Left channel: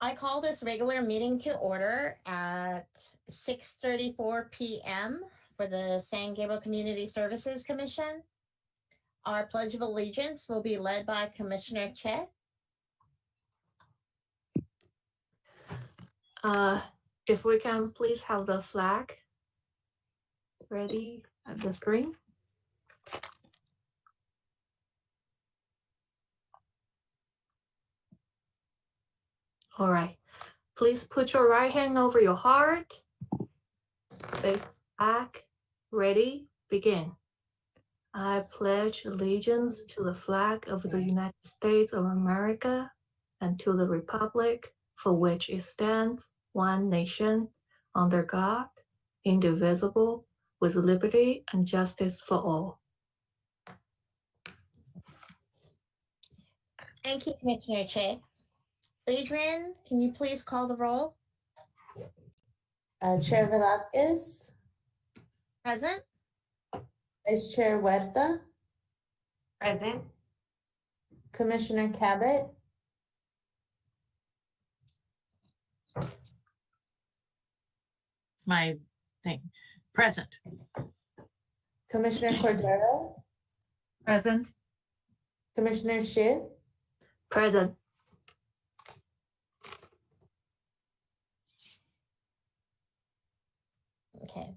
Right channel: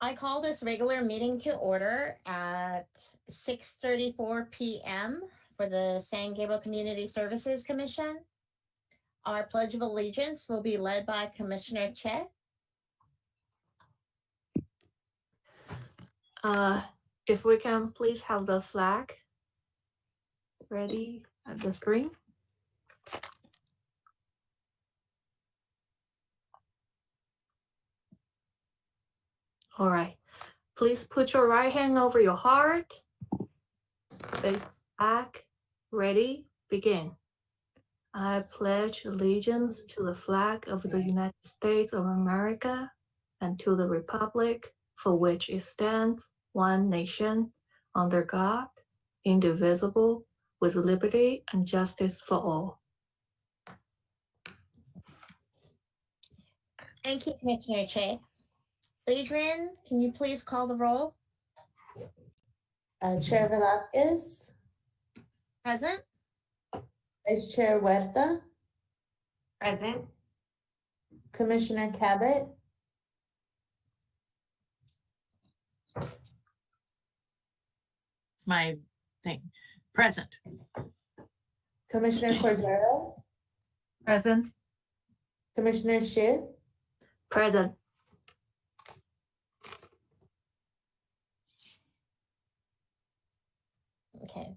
I call this regular meeting to order at 6:34 p.m. for the San Gabriel Community Services Commission. Our Pledge of Allegiance will be led by Commissioner Che. If we can please have the flag ready at the screen. All right, please put your right hand over your heart, face back, ready, begin. I pledge allegiance to the flag of the United States of America and to the republic for which it stands, one nation, under God, indivisible, with liberty and justice for all. Thank you, Commissioner Che. Adrian, can you please call the roll? Chair Velasquez, Present. Vice Chair Huerta, Present. Commissioner Cabot, My thing. Present. Commissioner Cordero, Present. Commissioner Shi, Present. Okay.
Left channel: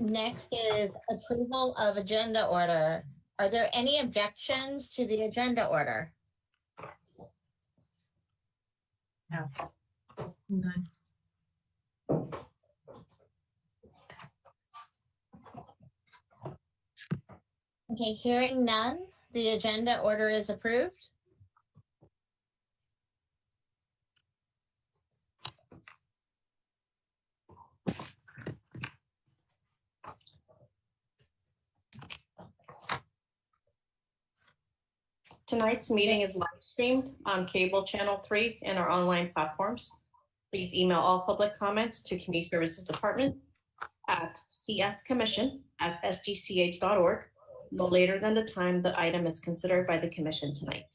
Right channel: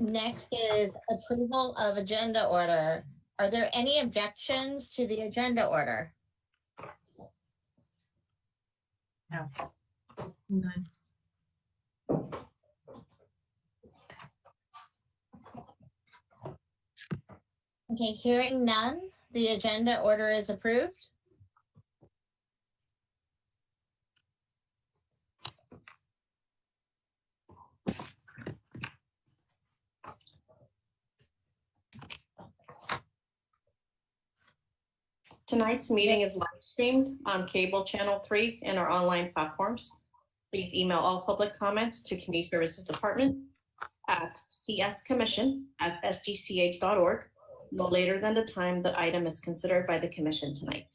Next is approval of agenda order. Are there any objections to the agenda order? No. None. Okay, hearing none, the agenda order is approved. Tonight's meeting is live streamed on cable channel 3 and our online platforms. Please email all public comments to Community Services Department at cscommission@sgch.org no later than the time the item is considered by the commission tonight.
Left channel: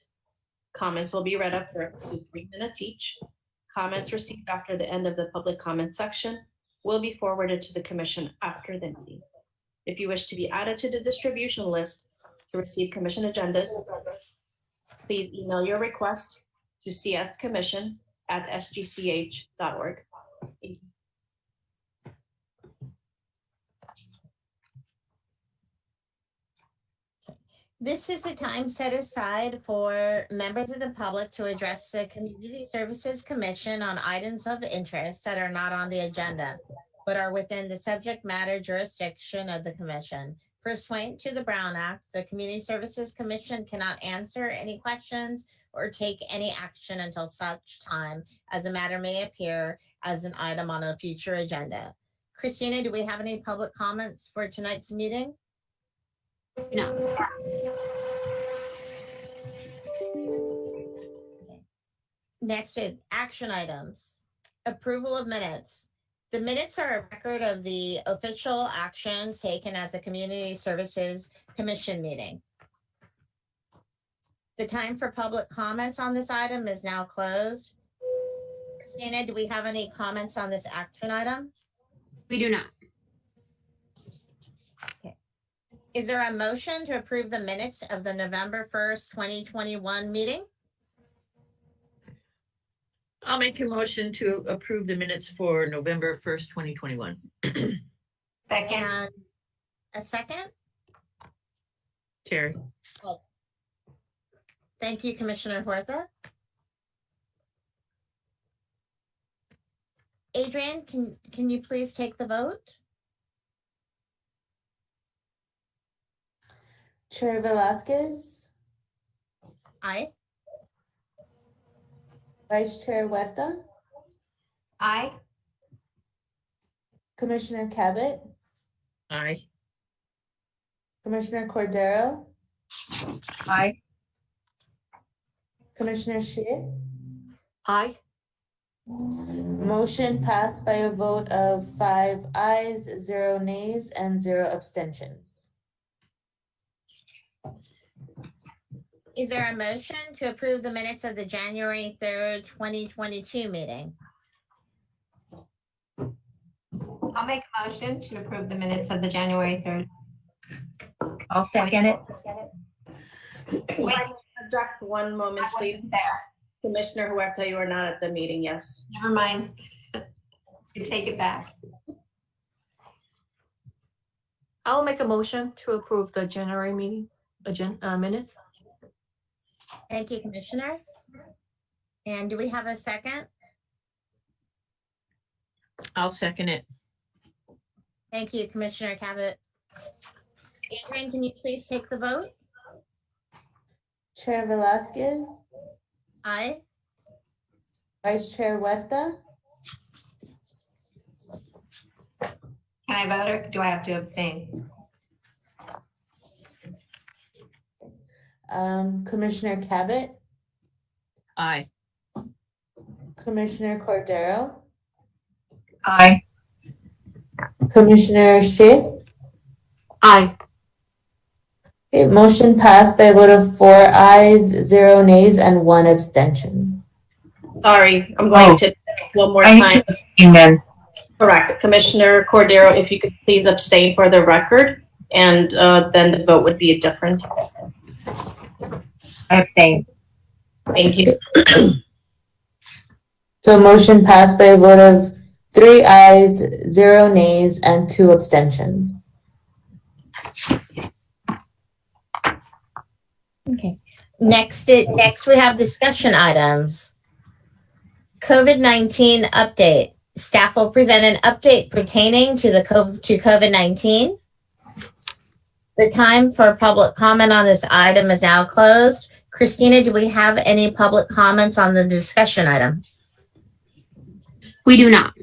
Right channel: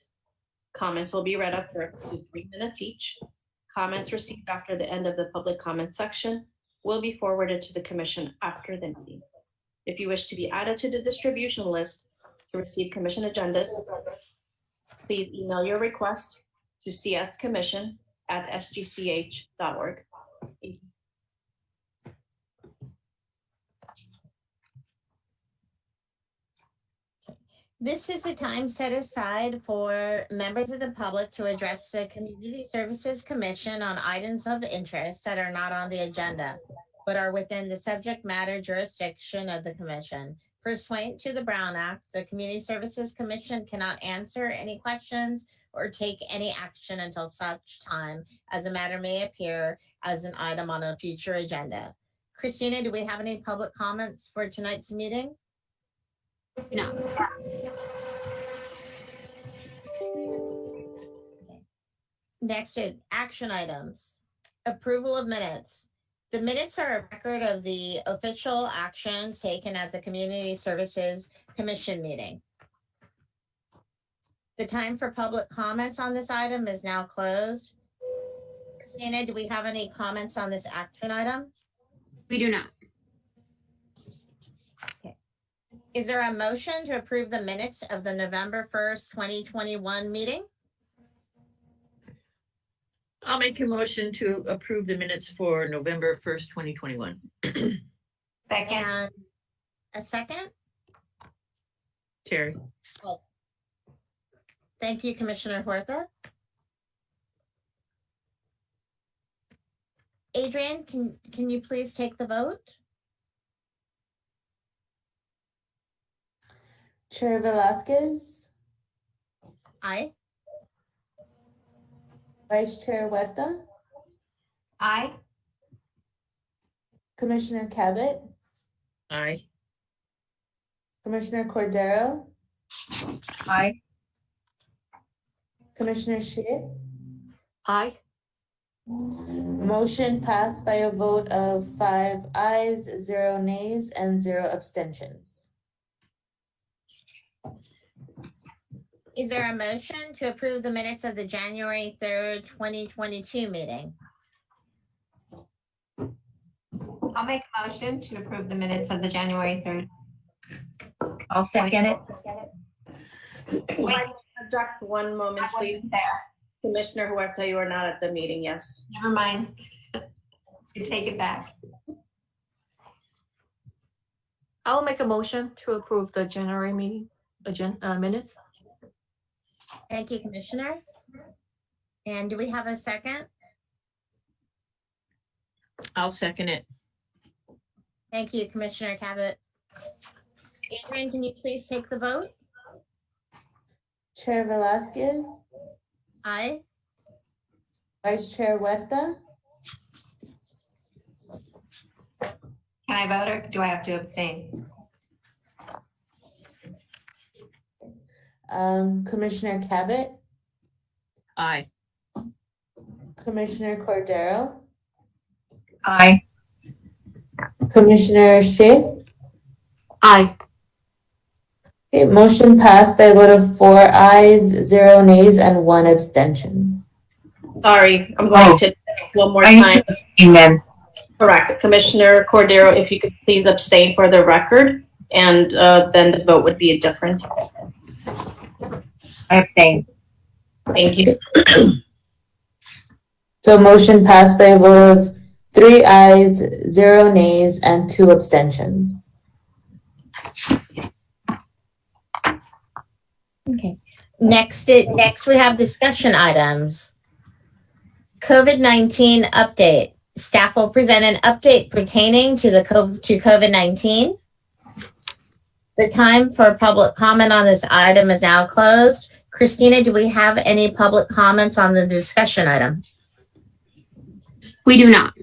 Comments will be read up for up to 3 minutes each. Comments received after the end of the public comment section will be forwarded to the commission after the meeting. If you wish to be added to the distribution list to receive commission agendas, please email your request to cscommission@sgch.org. Thank you. This is the time set aside for members of the public to address the Community Services Commission on items of interest that are not on the agenda, but are within the subject matter jurisdiction of the commission. Pursuant to the Brown Act, the Community Services Commission cannot answer any questions or take any action until such time as a matter may appear as an item on a future agenda. Christina, do we have any public comments for tonight's meeting? No. Next, action items. Approval of minutes. The minutes are a record of the official actions taken at the Community Services Commission meeting. The time for public comments on this item is now closed. Christina, do we have any comments on this action item? We do not. Okay. Is there a motion to approve the minutes of the November 1st, 2021 meeting? I'll make a motion to approve the minutes for November 1st, 2021. Second. And a second? Terry. Thank you, Commissioner Huerta. Adrian, can you please take the vote? Chair Velasquez, Aye. Vice Chair Huerta, Aye. Commissioner Cabot, Aye. Commissioner Cordero, Aye. Commissioner Shi. Aye. Motion passed by a vote of 5 ayes, 0 nays, and 0 abstentions. Is there a motion to approve the minutes of the January 3rd, 2022 meeting? I'll make a motion to approve the minutes of the January 3rd. I'll second it. Wait, Object one moment, I please. wasn't there. Commissioner Huerta, you are not at the meeting, yes. Never mind. You take it back. I'll make a motion to approve the January meeting minutes. Thank you, Commissioner. And do we have a second? I'll second it. Thank you, Commissioner Cabot. Adrian, can you please take the vote? Chair Velasquez, Aye. Vice Chair Huerta, Can I vote or do I have to abstain? Commissioner Cabot, Aye. Commissioner Cordero, Aye. Commissioner Shea. Aye. Okay, motion passed by a vote of 4 ayes, 0 nays, and 1 abstention. Sorry, I'm going to one more I need time. to abstain then. Correct. Commissioner Cordero, if you could please abstain for the record, and then the vote would be different. I abstain. Thank you. So motion passed by a vote of 3 ayes, 0 nays, and 2 abstentions. Okay. Next we have discussion items. COVID-19 update. Staff will present an update pertaining to COVID-19. The time for public comment on this item is now closed. Christina, do we have any public comments on the discussion item? We do not.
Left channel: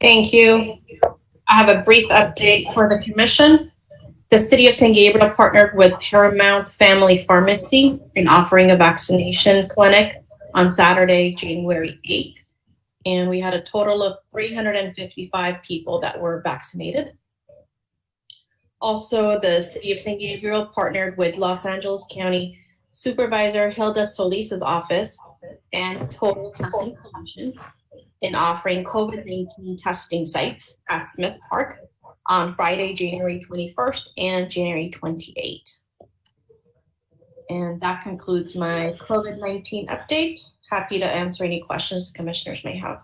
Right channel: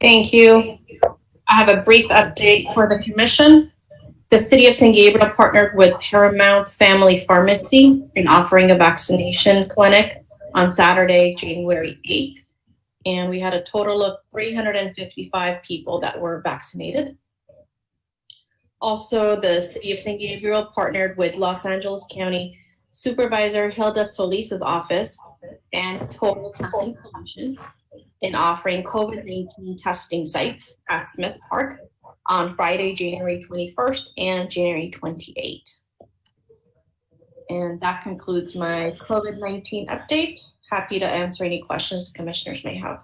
Thank you. I have a brief update for the commission. The City of San Gabriel partnered with Paramount Family Pharmacy in offering a vaccination clinic on Saturday, January 8th. And we had a total of 355 people that were vaccinated. Also, the City of San Gabriel partnered with Los Angeles County Supervisor Hilda Solis's office and Total Testing Solutions in offering COVID-19 testing sites at Smith Park on Friday, January 21st and January 28th. And that concludes my COVID-19 update. Happy to answer any questions the commissioners may have.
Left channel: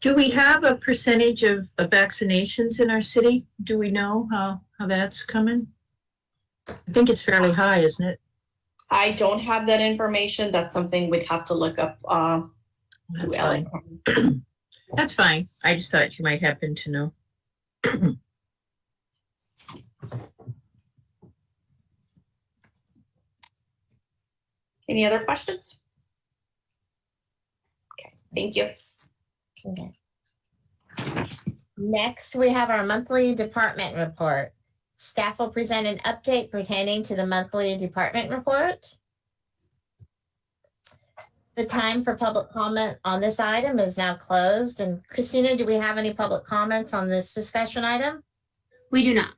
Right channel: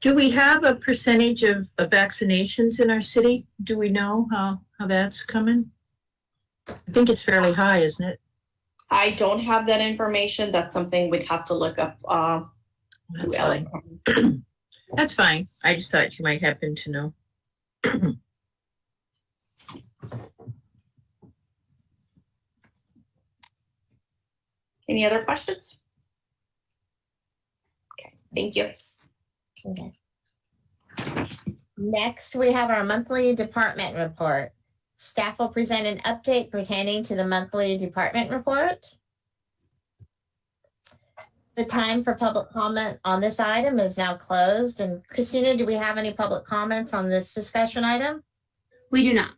Do we have a percentage of vaccinations in our city? Do we know how that's coming? I think it's fairly high, isn't it? I don't have that information. That's something we'd have to look up. That's fine. That's fine. I just thought you might happen to know. Any other questions? Okay, thank you. Okay. Next, we have our monthly department report. Staff will present an update pertaining to the monthly department report. The time for public comment on this item is now closed. And Christina, do we have any public comments on this discussion item? We do not.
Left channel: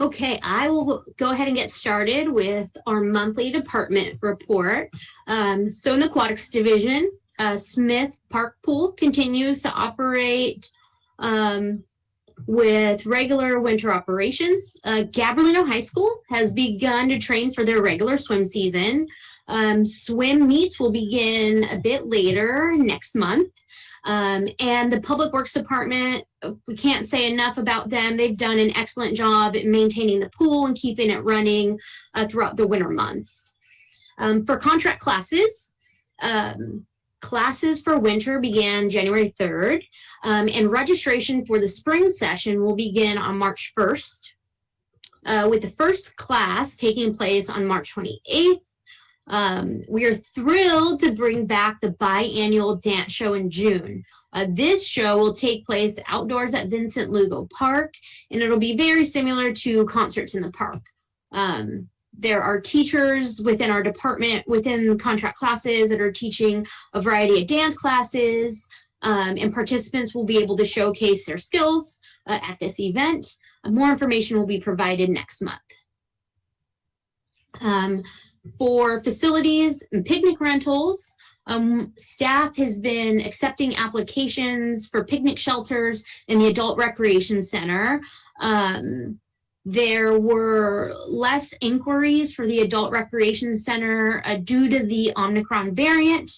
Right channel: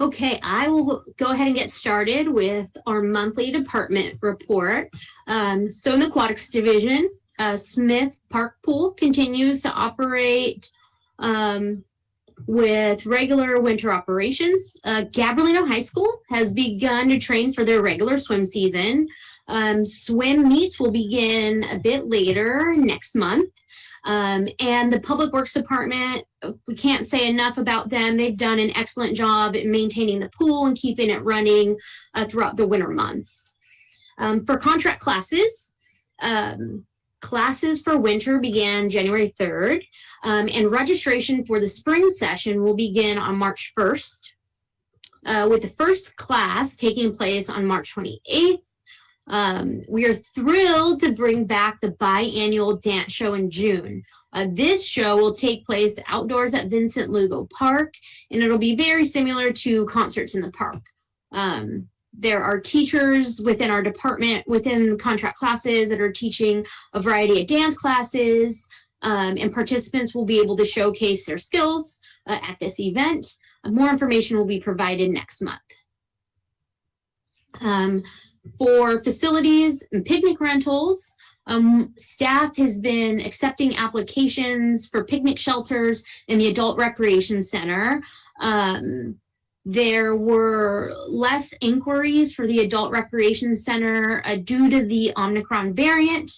Okay, I will go ahead and get started with our monthly department report. So in the aquatics division, Smith Park Pool continues to operate with regular winter operations. Gabriel High School has begun to train for their regular swim season. Swim meets will begin a bit later next month. And the Public Works Department, we can't say enough about them. They've done an excellent job in maintaining the pool and keeping it running throughout the winter months. For contract classes, classes for winter began January 3rd, and registration for the spring session will begin on March 1st, with the first class taking place on March 28th. We are thrilled to bring back the biannual dance show in June. This show will take place outdoors at Vincent Lugo Park, and it'll be very similar to concerts in the park. There are teachers within our department, within contract classes, that are teaching a variety of dance classes, and participants will be able to showcase their skills at this event. More information will be provided next month. For facilities and picnic rentals, staff has been accepting applications for picnic shelters in the Adult Recreation Center. There were less inquiries for the Adult Recreation Center due to the Omicron variant,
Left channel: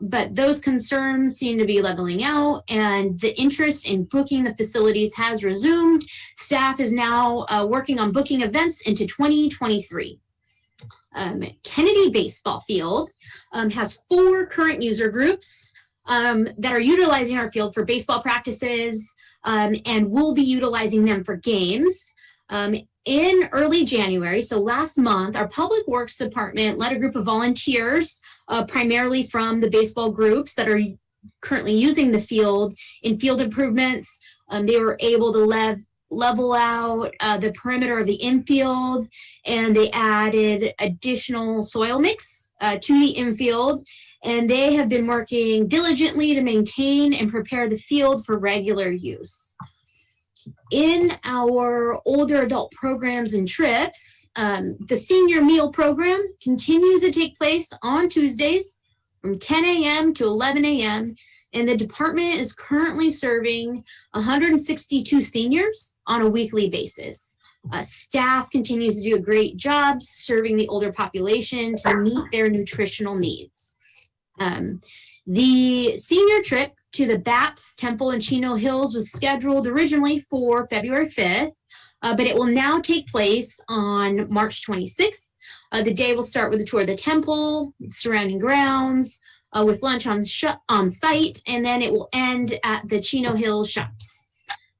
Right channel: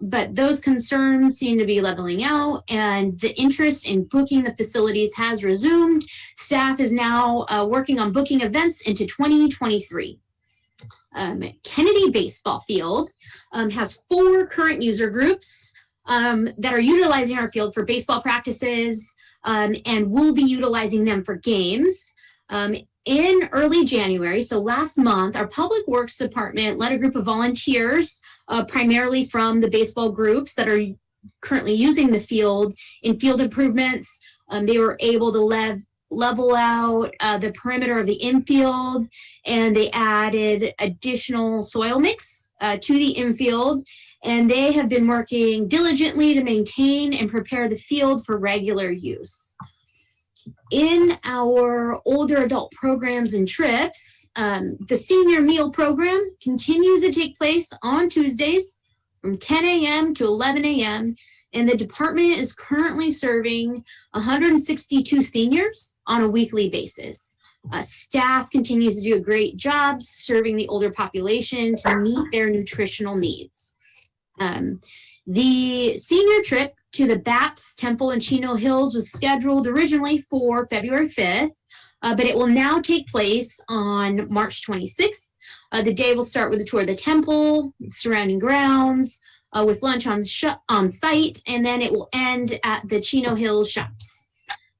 but those concerns seem to be leveling out, and the interest in booking the facilities has resumed. Staff is now working on booking events into 2023. Kennedy Baseball Field has 4 current user groups that are utilizing our field for baseball practices, and we'll be utilizing them for games. In early January, so last month, our Public Works Department led a group of volunteers, primarily from the baseball groups that are currently using the field in field improvements. They were able to level out the perimeter of the infield, and they added additional soil mix to the infield, and they have been working diligently to maintain and prepare the field for regular use. In our older adult programs and trips, the senior meal program continues to take place on Tuesdays from 10 a.m. to 11 a.m., and the department is currently serving 162 seniors on a weekly basis. Staff continues to do a great job serving the older population to meet their nutritional needs. The senior trip to the Baps Temple in Chino Hills was scheduled originally for February 5th, but it will now take place on March 26th. The day will start with a tour of the temple, surrounding grounds, with lunch on site, and then it will end at the Chino Hills shops.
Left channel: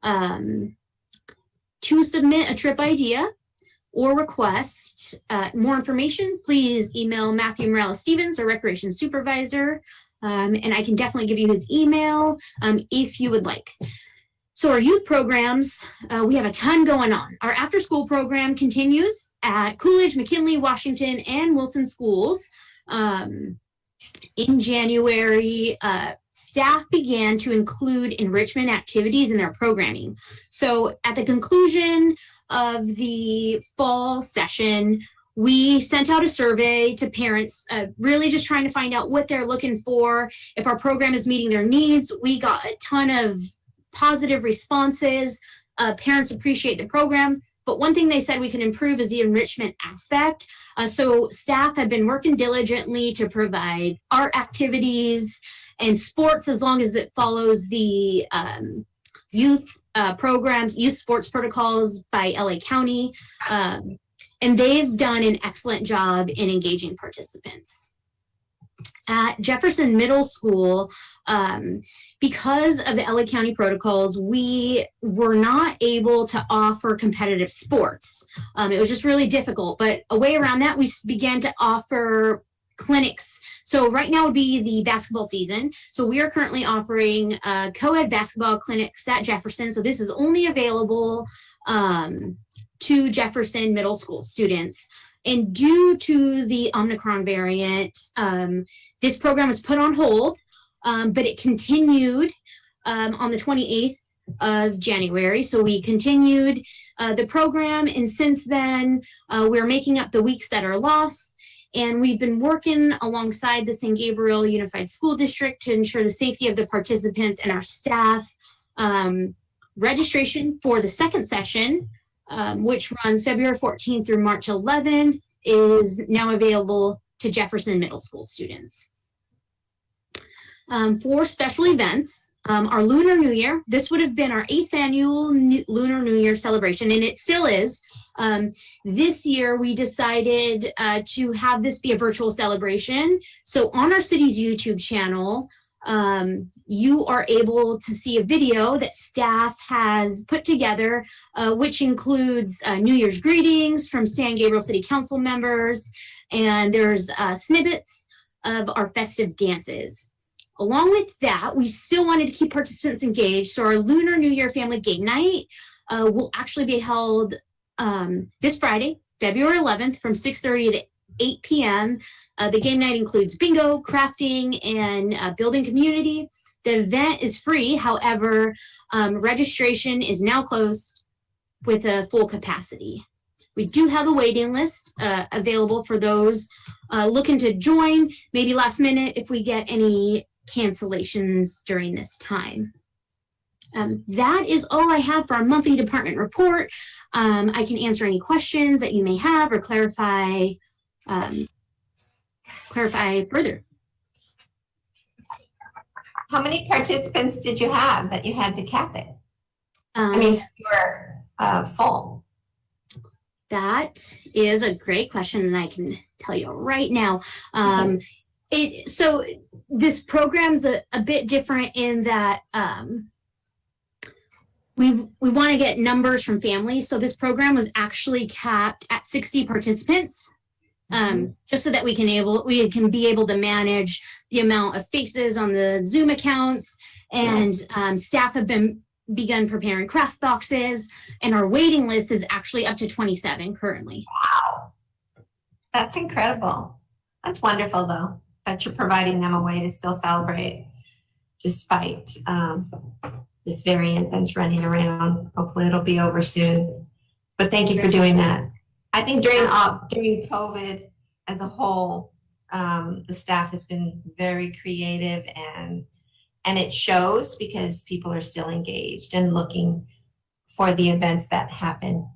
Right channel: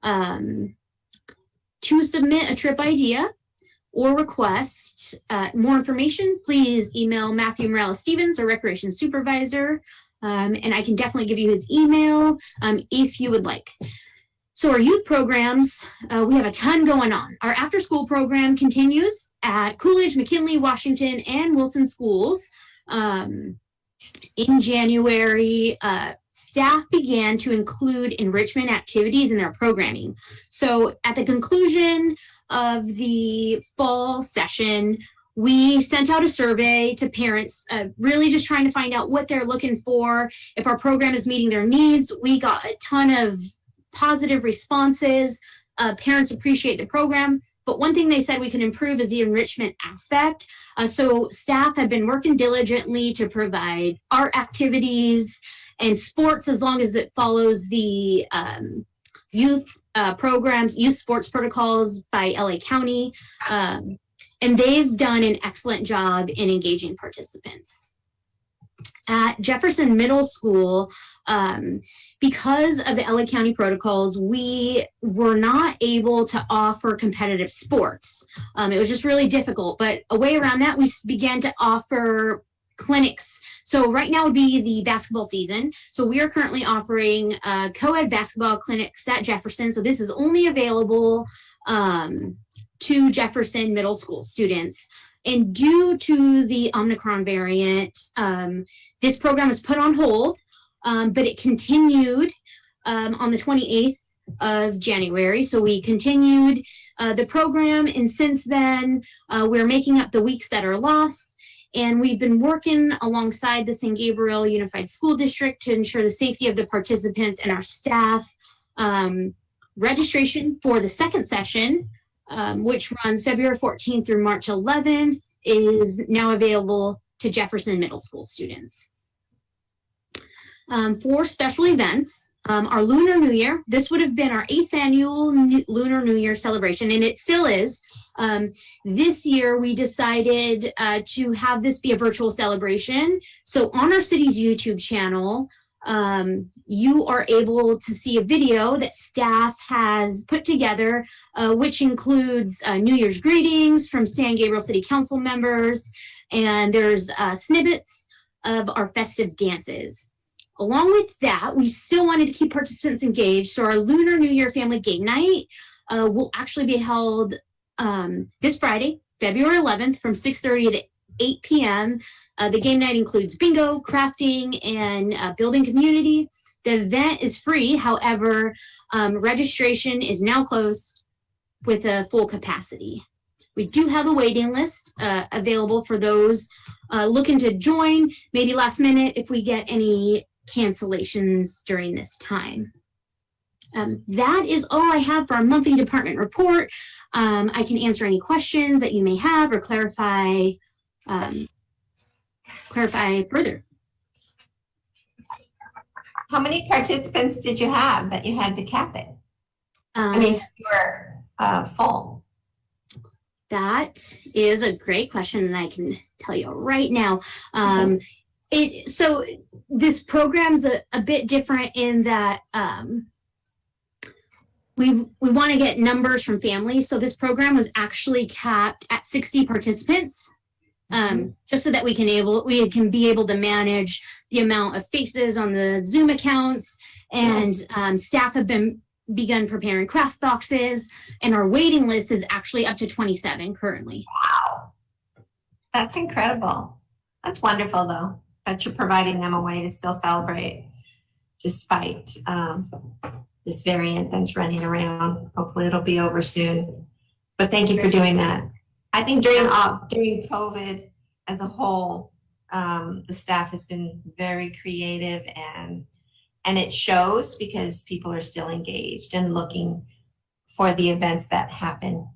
To submit a trip idea or request more information, please email Matthew Morales-Stevens, our Recreation Supervisor, and I can definitely give you his email if you would like. So our youth programs, we have a ton going on. Our after-school program continues at Coolidge, McKinley, Washington, and Wilson schools. In January, staff began to include enrichment activities in their programming. So at the conclusion of the fall session, we sent out a survey to parents, really just trying to find out what they're looking for, if our program is meeting their needs. We got a ton of positive responses. Parents appreciate the program, but one thing they said we can improve is the enrichment aspect. So staff have been working diligently to provide art activities and sports as long as it follows the youth programs, youth sports protocols by LA County. And they've done an excellent job in engaging participants. At Jefferson Middle School, because of the LA County protocols, we were not able to offer competitive sports. It was just really difficult, but a way around that, we began to offer clinics. So right now would be the basketball season. So we are currently offering co-ed basketball clinics at Jefferson. So this is only available to Jefferson Middle School students. And due to the Omicron variant, this program was put on hold, but it continued on the 28th of January. So we continued the program, and since then, we're making up the weeks that are lost. And we've been working alongside the San Gabriel Unified School District to ensure the safety of the participants and our staff. Registration for the second session, which runs February 14th through March 11th, is now available to Jefferson Middle School students. For special events, our Lunar New Year, this would have been our 8th annual Lunar New Year celebration, and it still is. This year, we decided to have this be a virtual celebration. So on our city's YouTube channel, you are able to see a video that staff has put together, which includes New Year's greetings from San Gabriel City Council members, and there's snippets of our festive dances. Along with that, we still wanted to keep participants engaged, so our Lunar New Year Family Game Night will actually be held this Friday, February 11th from 6:30 to 8 p.m. The game night includes bingo, crafting, and building community. The event is free. However, registration is now closed with a full capacity. We do have a waiting list available for those looking to join, maybe last minute if we get any cancellations during this time. That is all I have for our monthly department report. I can answer any questions that you may have or clarify further. How many participants did you have that you had to cap it? You were full. That is a great question, and I can tell you right now. So this program's a bit different in that we want to get numbers from families. So this program was actually capped at 60 participants, just so that we can be able to manage the amount of faces on the Zoom accounts, and staff have begun preparing craft boxes, and our waiting list is actually up to 27 currently. Wow, that's incredible. That's wonderful, though, that you're providing them a way to still celebrate despite this variant that's running around. Hopefully it'll be over soon. But thank you for doing that. I think during COVID as a whole, the staff has been very creative, and it shows because people are still engaged and looking for the events that happen,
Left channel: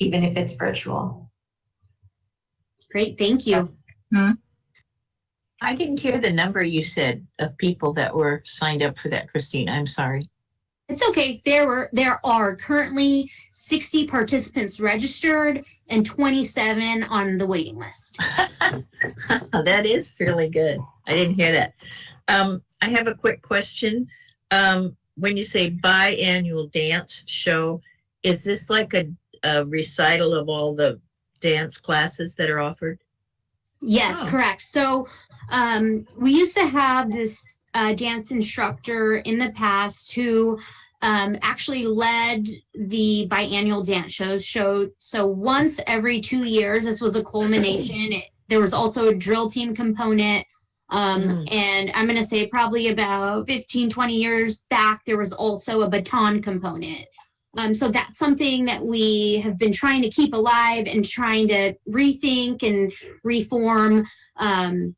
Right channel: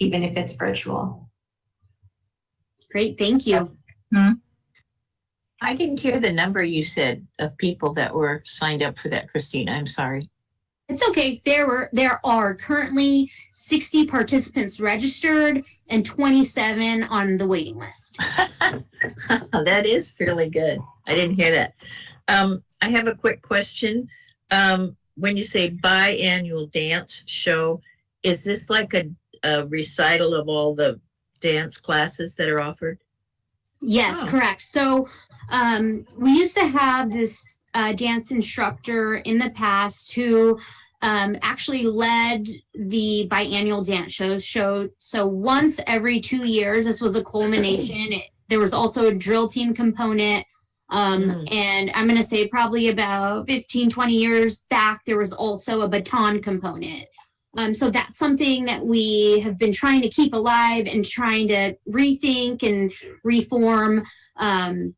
even if it's virtual. Great, thank you. I didn't hear the number you said of people that were signed up for that, Christina. I'm sorry. It's okay. There are currently 60 participants registered and 27 on the waiting list. That is really good. I didn't hear that. I have a quick question. When you say biannual dance show, is this like a recital of all the dance classes that are offered? Yes, correct. So we used to have this dance instructor in the past who actually led the biannual dance show. So once every 2 years, this was a culmination. There was also a drill team component. And I'm going to say probably about 15, 20 years back, there was also a baton component. So that's something that we have been trying to keep alive and trying to rethink and reform. And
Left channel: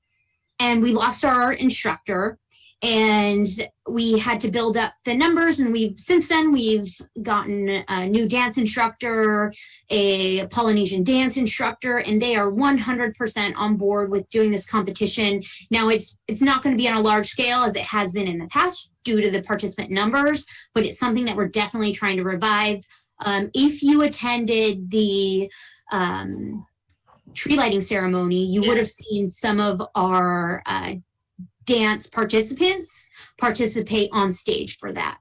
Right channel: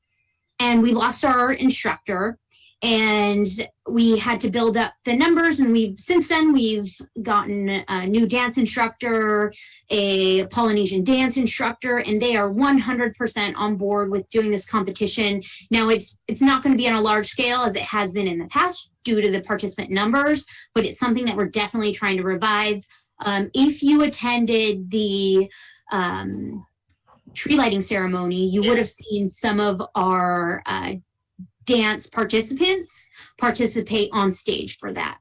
we lost our instructor, and we had to build up the numbers. And since then we've gotten a new dance instructor, a Polynesian dance instructor, and they are 100% on board with doing this competition. Now it's not going to be on a large scale as it has been in the past due to the participant numbers, but it's something that we're definitely trying to revive. If you attended the tree lighting ceremony, you would have seen some of our dance participants participate on stage for that.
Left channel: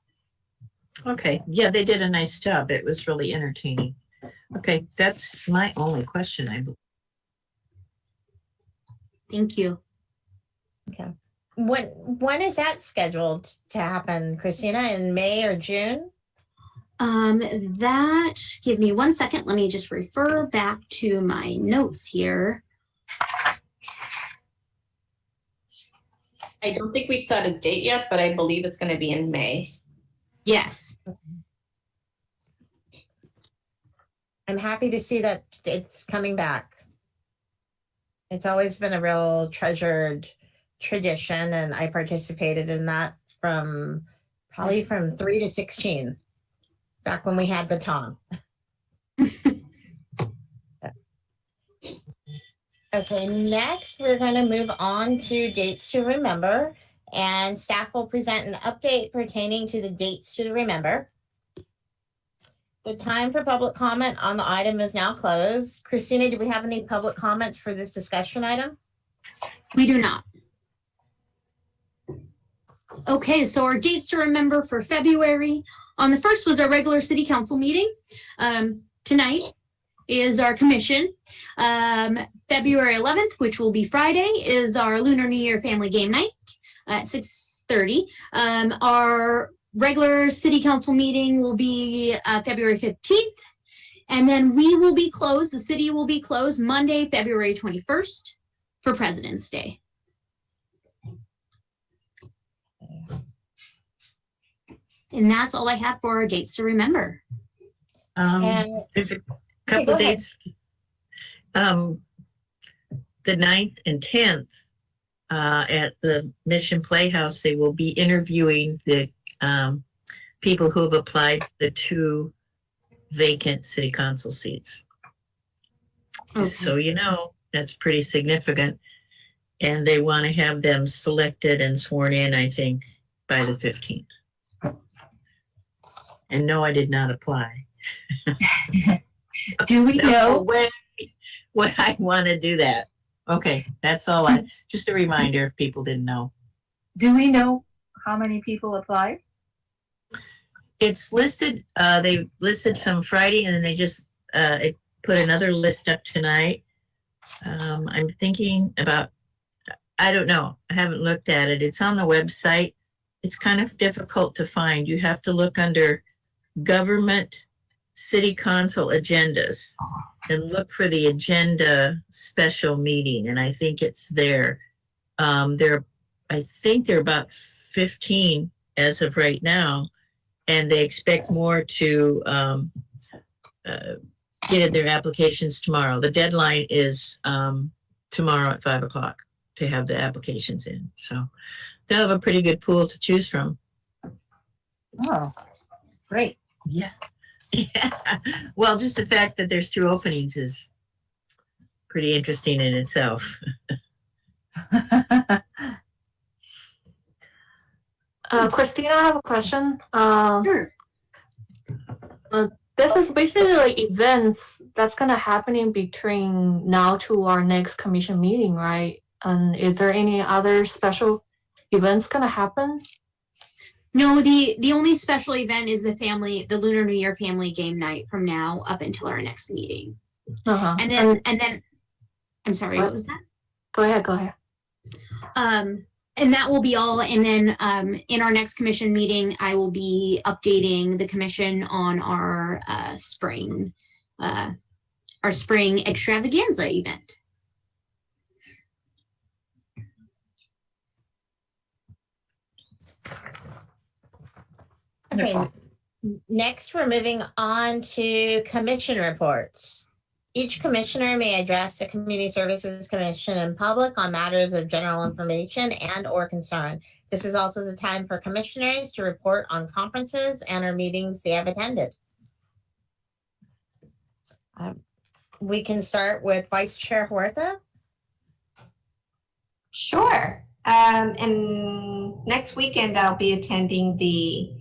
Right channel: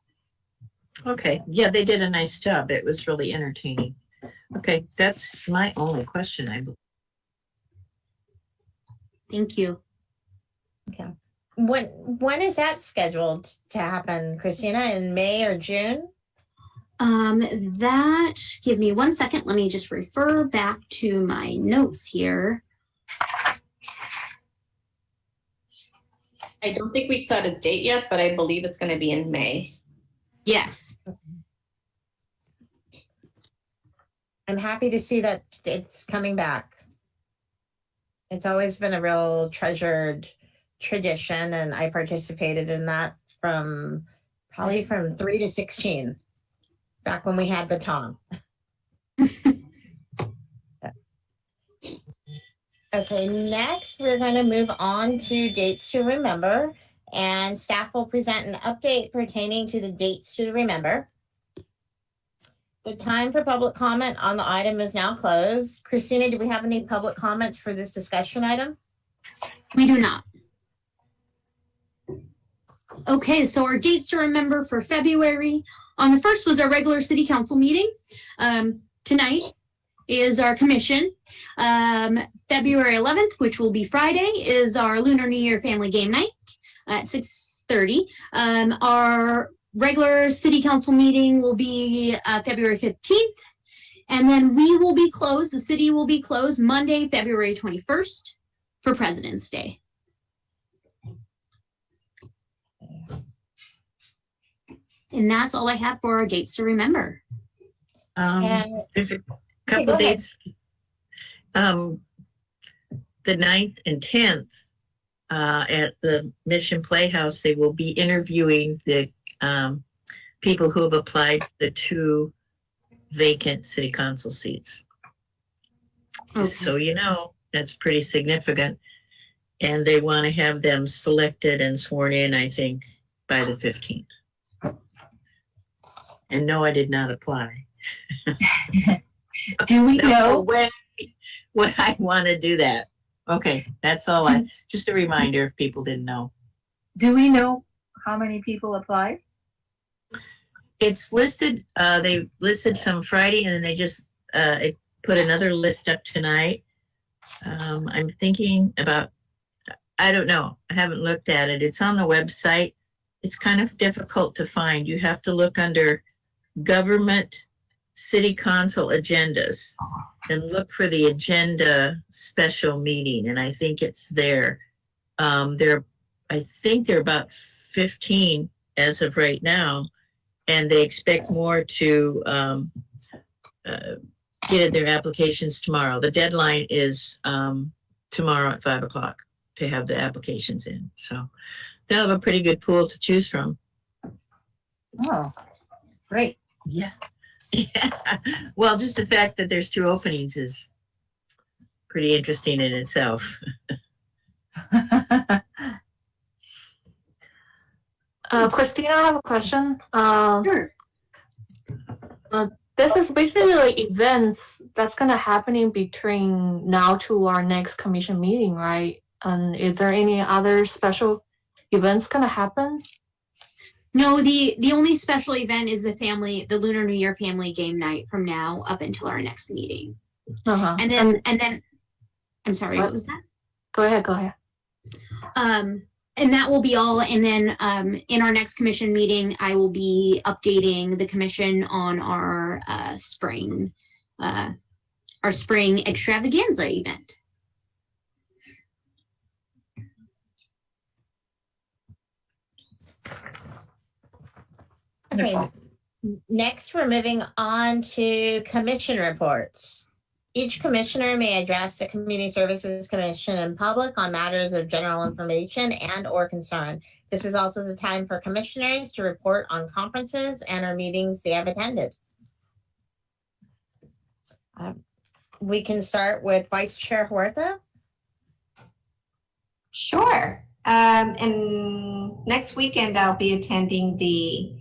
Okay. Yeah, they did a nice job. It was really entertaining. Okay, that's my only question, I believe. Thank you. Okay. When is that scheduled to happen, Christina? In May or June? That, give me 1 second. Let me just refer back to my notes here. I don't think we set a date yet, but I believe it's going to be in May. Yes. I'm happy to see that it's coming back. It's always been a real treasured tradition, and I participated in that probably from 3 to 16, back when we had baton. Okay, next we're going to move on to dates to remember, and staff will present an update pertaining to the dates to remember. The time for public comment on the item is now closed. Christina, do we have any public comments for this discussion item? We do not. Okay, so our dates to remember for February. On the 1st was our regular city council meeting. Tonight is our commission. February 11th, which will be Friday, is our Lunar New Year family game night at 6:30. Our regular city council meeting will be February 15th. And then we will be closed, the city will be closed Monday, February 21st for President's Day. And that's all I have for our dates to remember. And There's a go couple ahead. dates. The 9th and 10th at the Mission Playhouse, they will be interviewing the people who have applied for the 2 vacant city council seats. Just so you know, that's pretty significant. And they want to have them selected and sworn in, I think, by the 15th. And no, I did not apply. Do we No know? way would I want to do that. Okay, that's all just a reminder if people didn't know. Do we know how many people applied? It's listed, they listed some Friday and then they just put another list up tonight. I'm thinking about, I don't know, I haven't looked at it. It's on the website. It's kind of difficult to find. You have to look under government city council agendas and look for the agenda special meeting. And I think it's there. I think there are about 15 as of right now. And they expect more to get their applications tomorrow. The deadline is tomorrow at 5 o'clock to have the applications in. So they'll have a pretty good pool to choose from. Oh, great. Yeah. Yeah. Well, just the fact that there's 2 openings is pretty interesting in itself. Christina, I have a question. Sure. This is basically like events that's gonna happen in between now to our next commission meeting, right? And is there any other special events gonna happen? No, the only special event is the Lunar New Year family game night from now up until our next meeting. Uh-huh. And then I'm sorry, what was that? Go ahead. And that will be all. And then in our next commission meeting, I will be updating the commission on our spring extravaganza event. Okay, next we're moving on to commission reports. Each commissioner may address the Community Services Commission in public on matters of general information and or concern. This is also the time for commissioners to report on conferences and or meetings they have attended. We can start with Vice Chair Huerta. Sure. And next weekend, I'll be attending the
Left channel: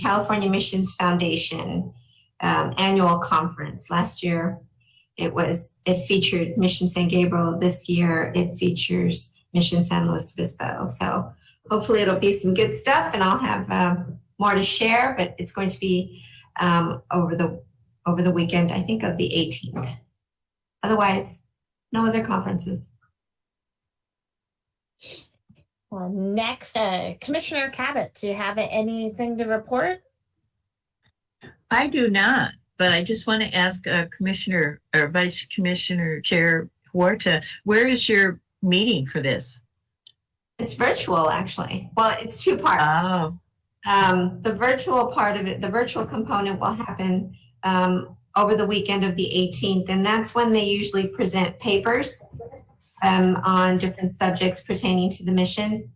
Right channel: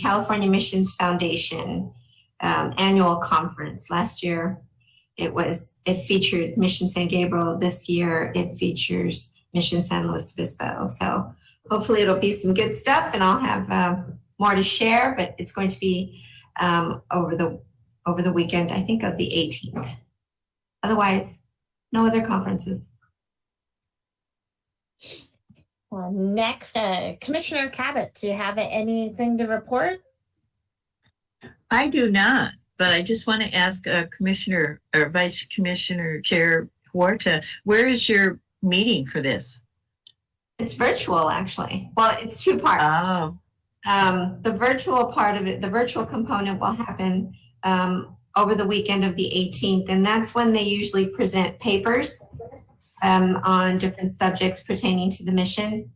California Missions Foundation annual conference. Last year, it featured Mission San Gabriel. This year, it features Mission San Luis Obispo. So hopefully it'll be some good stuff, and I'll have more to share, but it's going to be over the weekend, I think, of the 18th. Otherwise, no other conferences. Well, next, Commissioner Cabot, do you have anything to report? I do not, but I just want to ask Commissioner or Vice Commissioner Chair Huerta, where is your meeting for this? It's virtual, actually. Well, it's 2 parts. Oh. The virtual part of it, the virtual component will happen over the weekend of the 18th, and that's when they usually present papers on different subjects pertaining to the mission.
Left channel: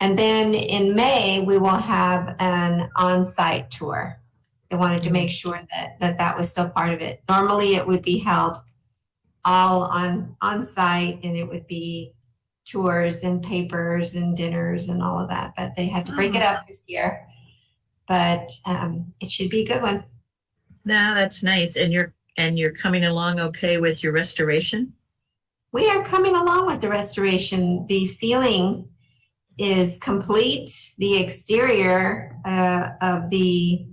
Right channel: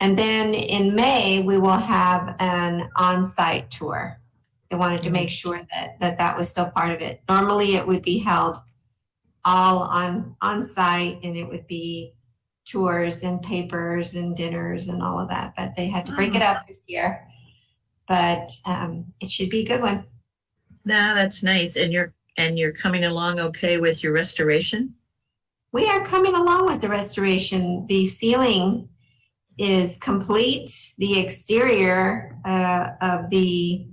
And then in May, we will have an on-site tour. They wanted to make sure that was still part of it. Normally, it would be held all on-site, and it would be tours and papers and dinners and all of that. But they had to break it up this year. But it should be a good one. No, that's nice. And you're coming along okay with your restoration? We are coming along with the restoration. The ceiling is complete. The exterior the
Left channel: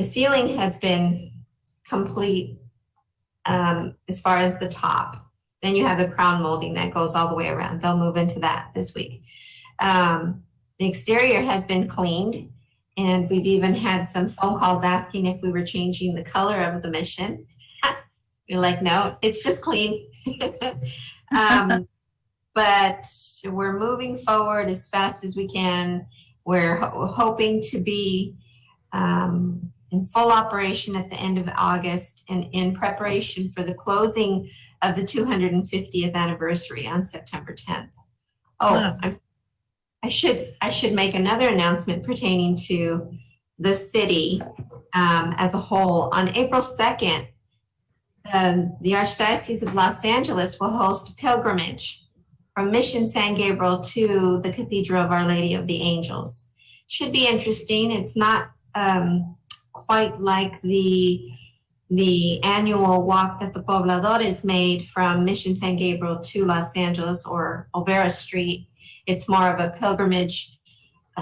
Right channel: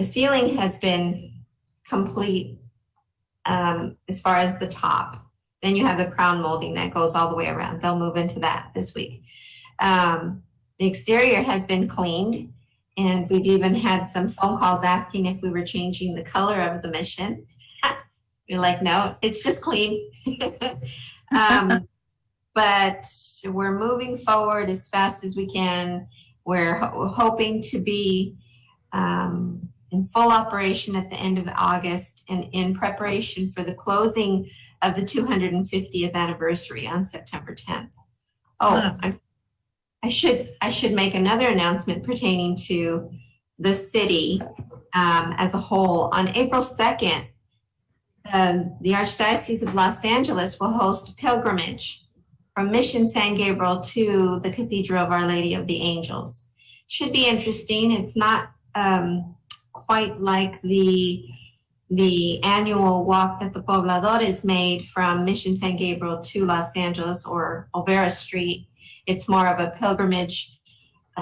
ceiling has been complete as far as the top. Then you have the crown molding that goes all the way around. They'll move into that this week. The exterior has been cleaned, and we've even had some phone calls asking if we were changing the color of the mission. You're like, no, it's just clean. But we're moving forward as fast as we can. We're hoping to be in full operation at the end of August and in preparation for the closing of the 250th anniversary on September 10th. Oh, Wow. I should make another announcement pertaining to the city as a whole. On April 2nd, the Archdiocese of Los Angeles will host a pilgrimage from Mission San Gabriel to the Cathedral of Our Lady of the Angels. Should be interesting. It's not quite like the annual walk that the Pobladores made from Mission San Gabriel to Los Angeles or Olvera Street. It's more of a pilgrimage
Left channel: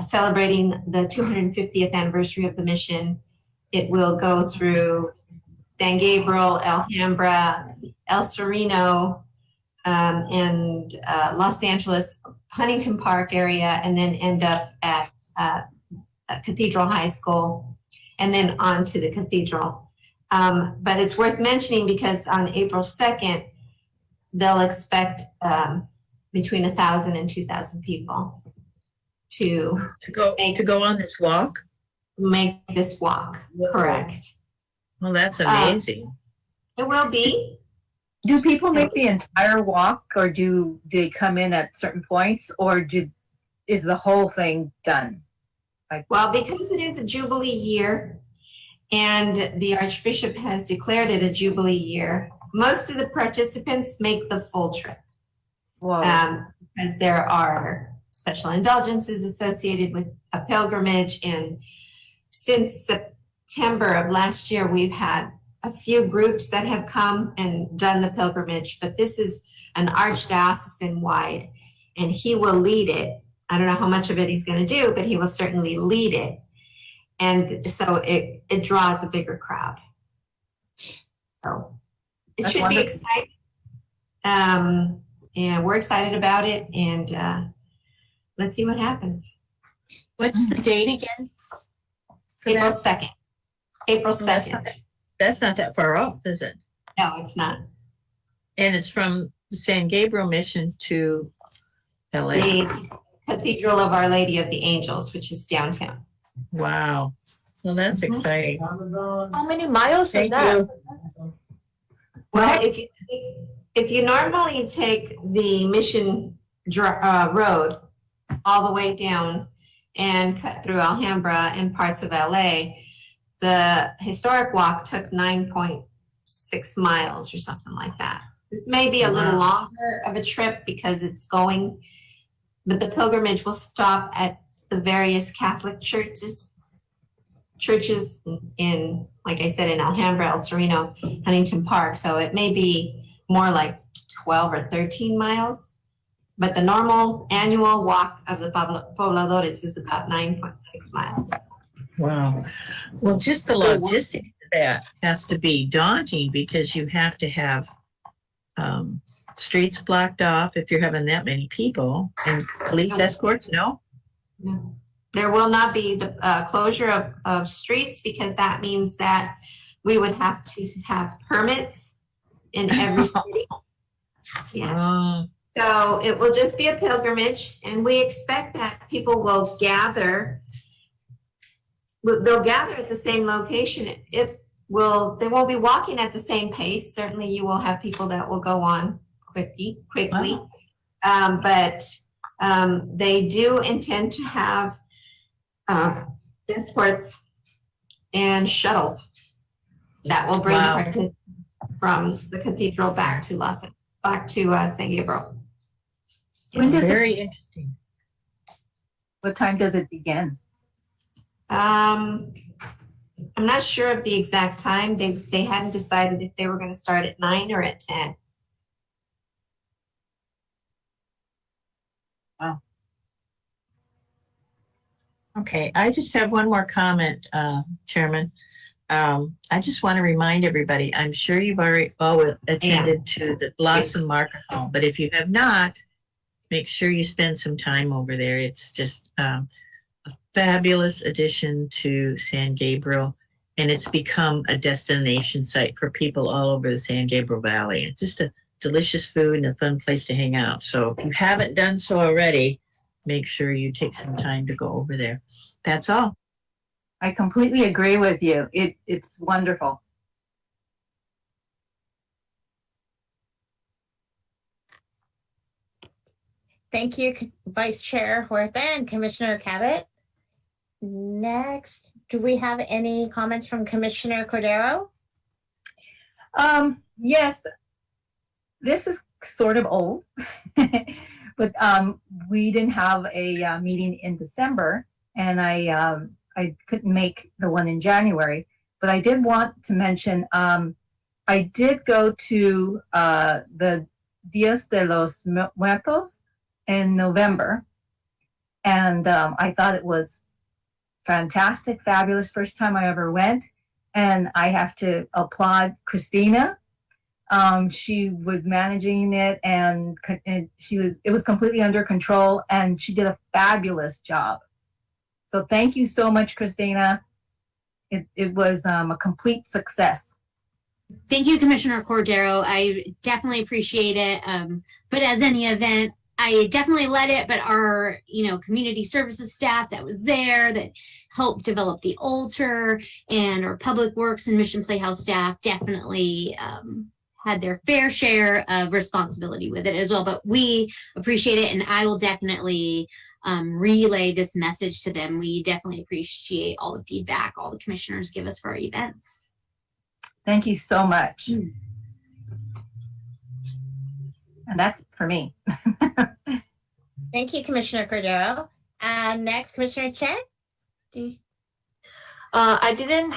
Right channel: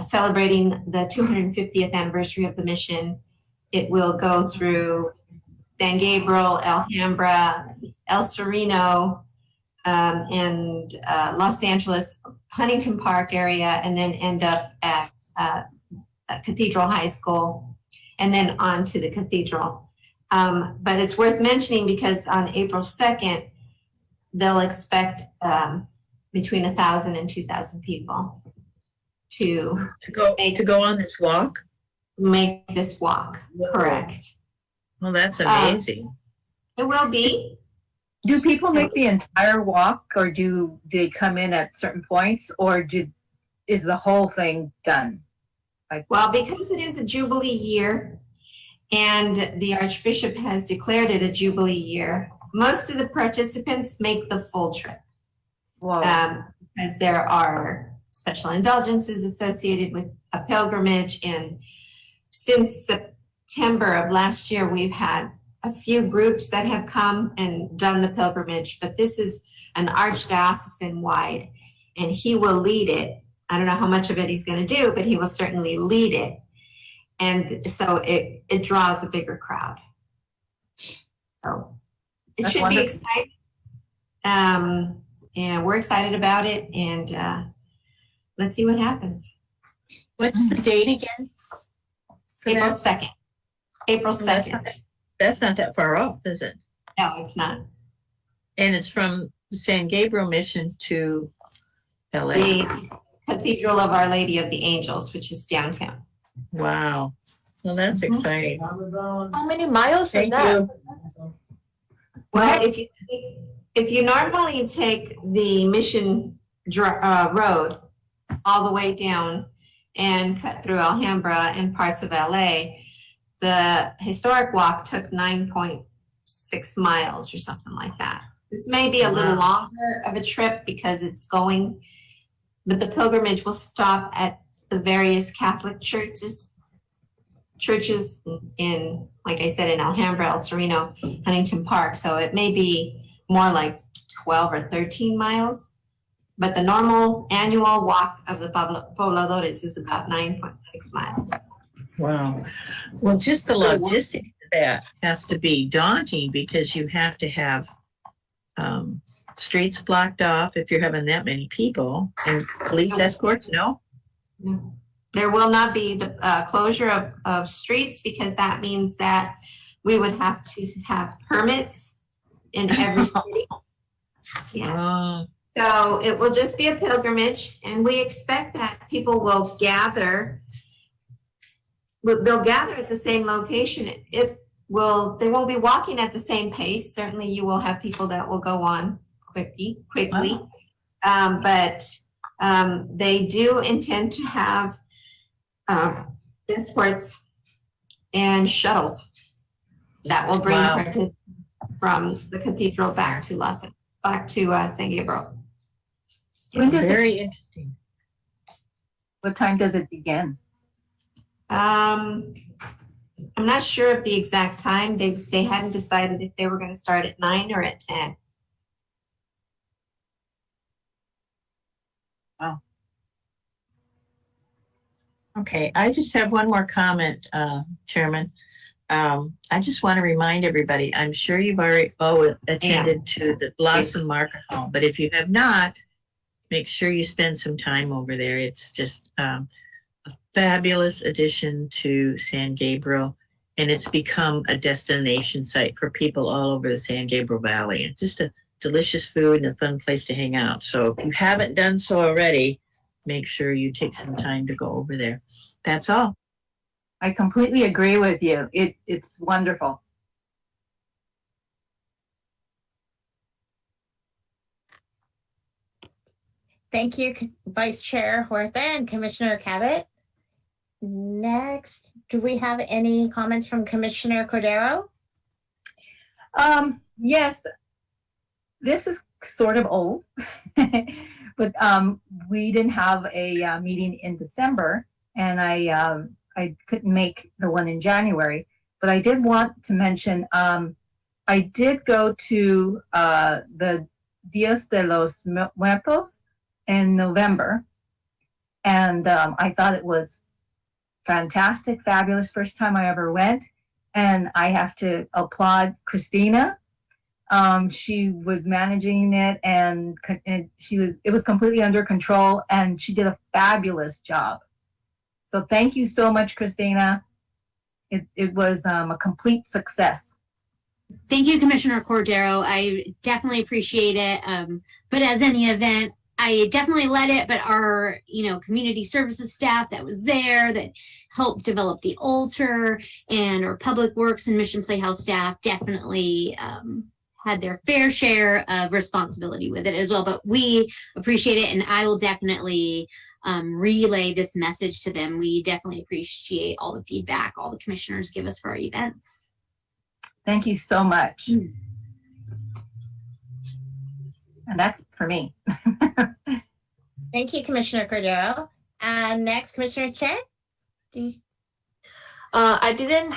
celebrating the 250th anniversary of the mission. It will go through San Gabriel, Alhambra, El Sereno, and Los Angeles, Huntington Park area, and then end up at Cathedral High School, and then on to the cathedral. But it's worth mentioning because on April 2nd, they'll expect between 1,000 and 2,000 people to go on this walk. make this walk. Correct. Well, that's amazing. It will be. Do people make the entire walk, or do they come in at certain points, or is the whole thing done? Well, because it is a Jubilee year and the Archbishop has declared it a Jubilee year, most of the participants make the full trip. Because there are special indulgences associated with a pilgrimage. And since September of last year, we've had a few groups that have come and done the pilgrimage, but this is an archdiocesan wide, and he will lead it. I don't know how much of it he's going to do, but he will certainly lead it. And so it draws a bigger crowd. So it That's should wonderful. be exciting. And we're excited about it, and let's see what happens. What's the date again? for April that? 2nd. April Well, that's 2nd. That's not that far off, is it? No, it's not. And it's from the San Gabriel Mission to LA. The Cathedral of Our Lady of the Angels, which is downtown. Wow. Well, that's Mhm. exciting. How many miles is Thank that? you. Well, if you normally take the Mission Road all the way down and cut through Alhambra and parts of LA, the historic walk took 9.6 miles or something like that. This may be a little longer of a trip because it's going, but the pilgrimage will stop at the various Catholic churches in, like I said, in Alhambra, El Sereno, Huntington Park. So it may be more like 12 or 13 miles, but the normal annual walk of the Pobladores is about 9.6 miles. Wow. Well, just the logistics of that has to be daunting because you have to have streets blocked off if you're having that many people and police escorts, no? There will not be the closure of streets because that means that we would have to have permits in every city. Yes. Oh, So it will just be a pilgrimage, and we expect that people will gather. They'll gather at the same location. They won't be walking at the same pace. Certainly you will have people that will go on quickly. Wow. But they do intend to have escorts and shuttles that will bring Wow. participants from the cathedral back to San Gabriel. When does very interesting. What time does it begin? I'm not sure of the exact time. They hadn't decided if they were going to start at 9 or at 10. Okay, I just have one more comment, Chairman. I just want to remind everybody, I'm sure you've already attended to the Blossom Market Hall, but if you have not, make sure you spend some time over there. It's just a fabulous addition to San Gabriel, and it's become a destination site for people all over the San Gabriel Valley. It's just a delicious food and a fun place to hang out. So if you haven't done so already, make sure you take some time to go over there. That's all. I completely agree with you. It's wonderful. Thank you, Vice Chair Huerta and Commissioner Cabot. Next, do we have any comments from Commissioner Cordero? Yes, this is sort of old, but we didn't have a meeting in December, and I couldn't make the one in January. But I did want to mention I did go to the Dias de los Muertos in November, and I thought it was fantastic, fabulous. First time I ever went, and I have to applaud Christina. She was managing it, and it was completely under control, and she did a fabulous job. So thank you so much, Christina. It was a complete success. Thank you, Commissioner Cordero. I definitely appreciate it. But as any event, I definitely led it, but our, community services staff that was there that helped develop the altar, and our public works and Mission Playhouse staff definitely had their fair share of responsibility with it as well. But we appreciate it, and I will definitely relay this message to them. We definitely appreciate all the feedback all the commissioners give us for our events. Thank you so much. And that's for me. Thank you, Commissioner Cordero. And next, Commissioner Chen. I didn't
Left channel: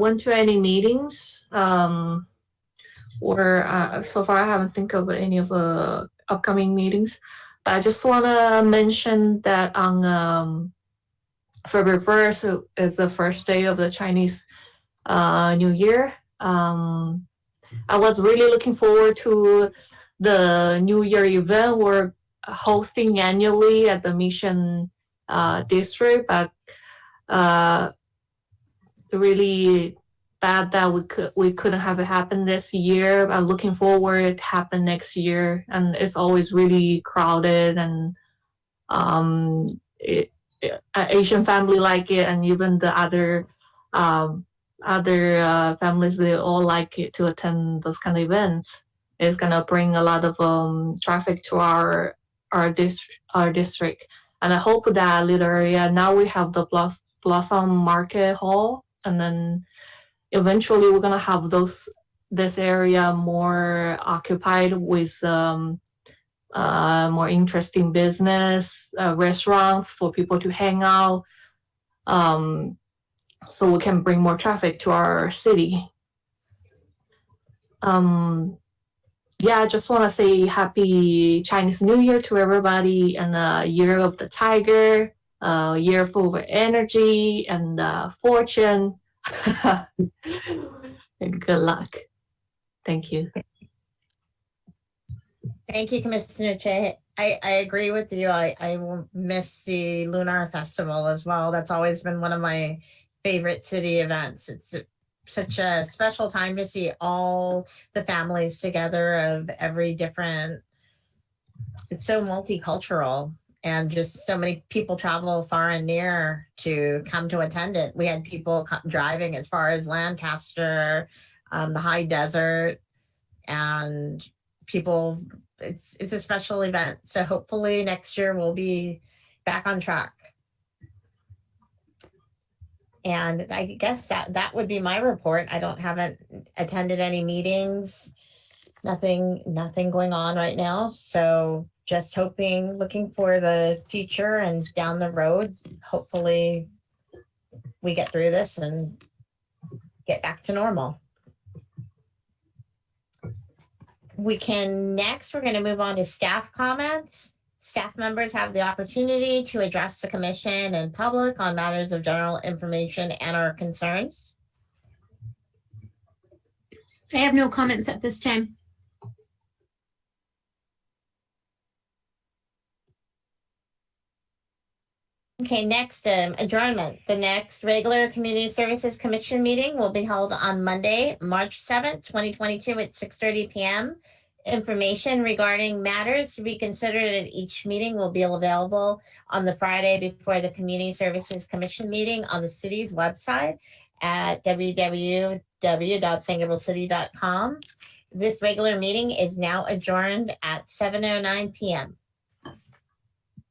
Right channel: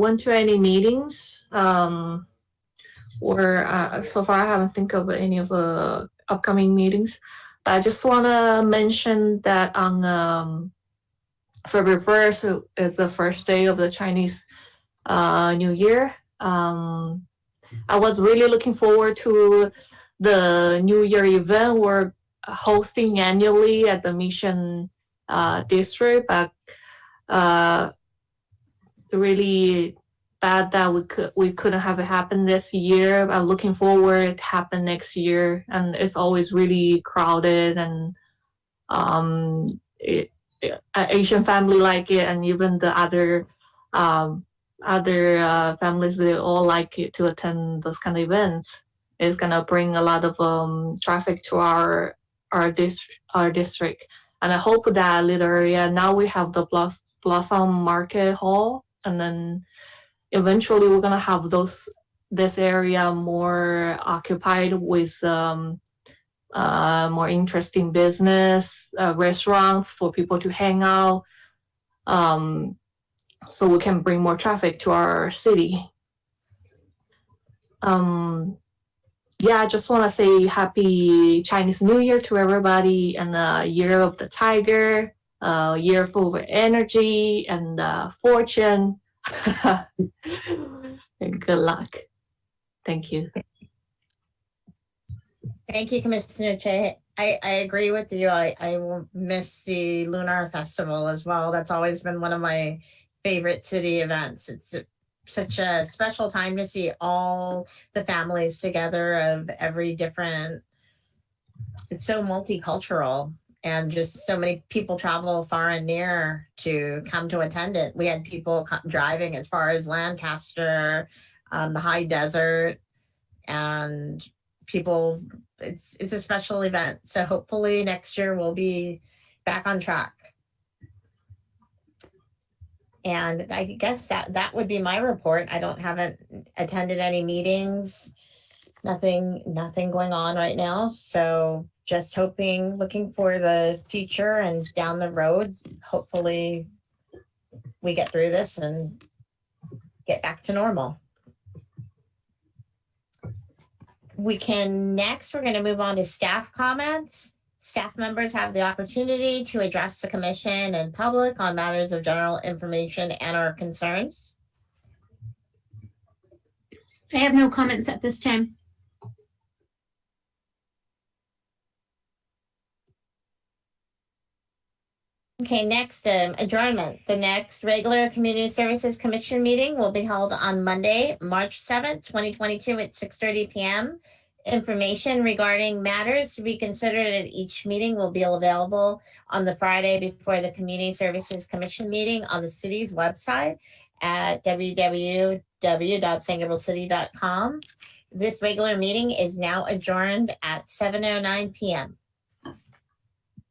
went to any meetings, or so far I haven't think of any of the upcoming meetings. But I just want to mention that on February 1st is the first day of the Chinese New Year. I was really looking forward to the New Year event we're hosting annually at the Mission District, but really bad that we couldn't have it happen this year. I'm looking forward to happen next year, and it's always really crowded, and Asian family like it, and even the other families, they all like it to attend those kind of events. It's gonna bring a lot of traffic to our district, and I hope that little area, now we have the Blossom Market Hall, and then eventually we're gonna have this area more occupied with more interesting business, restaurants for people to hang out, so we can bring more traffic to our city. I just want to say happy Chinese New Year to everybody, and a year of the tiger, a year full of energy and fortune. And good luck. Thank you. Thank you, Commissioner Che. I agree with you. I will miss the Lunar Festival as well. That's always been one of my favorite city events. It's such a special time to see all the families together of every different, it's so multicultural, and just so many people travel far and near to come to attend it. We had people driving as far as Lancaster, the high desert, and people, it's a special event. So hopefully next year we'll be back on track. And I guess that would be my report. I haven't attended any meetings, nothing going on right now. So just looking for the future and down the road, hopefully we get through this and get back to normal. We're going to move on to staff comments. Staff members have the opportunity to address the commission and public on matters of general information and or concerns. I have no comments at this time. Okay, next, adjournment. The next regular Community Services Commission meeting will be held on Monday, March 7th, 2022 at 6:30 p.m. Information regarding matters to be considered at each meeting will be available on the Friday before the Community Services Commission meeting on the city's website at www.sangablecity.com. This regular meeting is now adjourned at 7:09 p.m.